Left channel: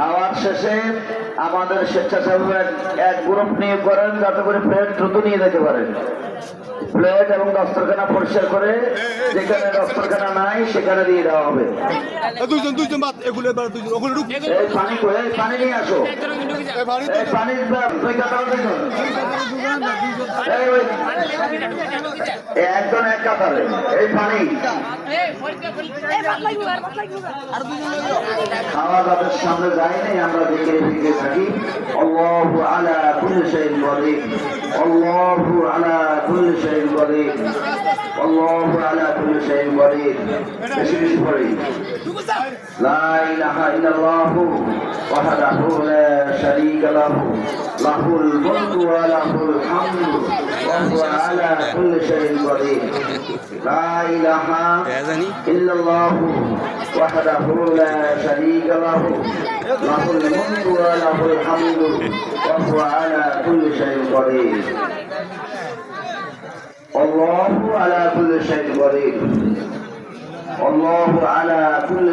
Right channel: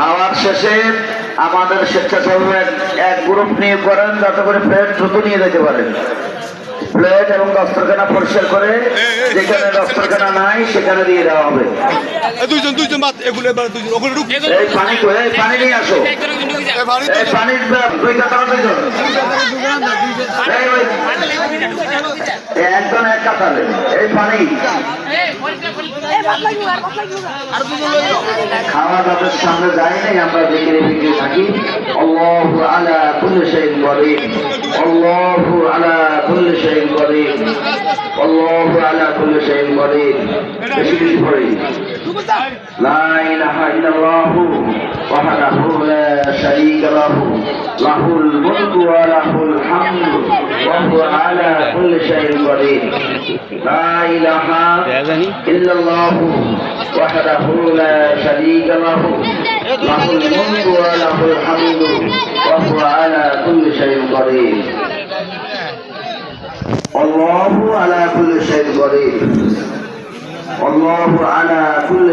খাওয়ার শেষে আমাদের স্বেচ্ছাসেবক এক গ্রুপ নিয়োগ করেন যাতে করে প্লেট দ্রুত নিয়ে যেতে পারেন। প্লেট এবং দস্তরখানা পরিষ্কার করে যেখানে দস্তরখানা নাই সেখানে দিয়ে দেওয়া হবে। এই পানি নিয়ে আসো, এই পানির একজন এক কাতারে এই পানি খাওয়া দাওয়ার সামনে যায়নি, আমরা দেখে দেখে থাকি। আল্লাহু আলা কুল্লি শাইইন কদির, আল্লাহু আলা কুল্লি শাইইন কদির, আল্লাহু আলা কুল্লি শাইইন কদির। বেশি বেশি পড়ি লা ইলাহা ইল্লাল্লাহু ওয়াহদাহু লা শারীকা লাহু লাহুল মুলকু ওয়া লাহুল হামদু ওয়া হুয়া আলা কুল্লি শাইইন কদির। লা ইলাহা ইল্লাল্লাহু ওয়াহদাহু লা শারীকা লাহু লাহুল মুলকু ওয়া লাহুল হামদু ওয়া হুয়া আলা কুল্লি শাইইন কদির। আল্লাহু আলা কুল্লি শাইইন কদির, আল্লাহু আলা কুল্লি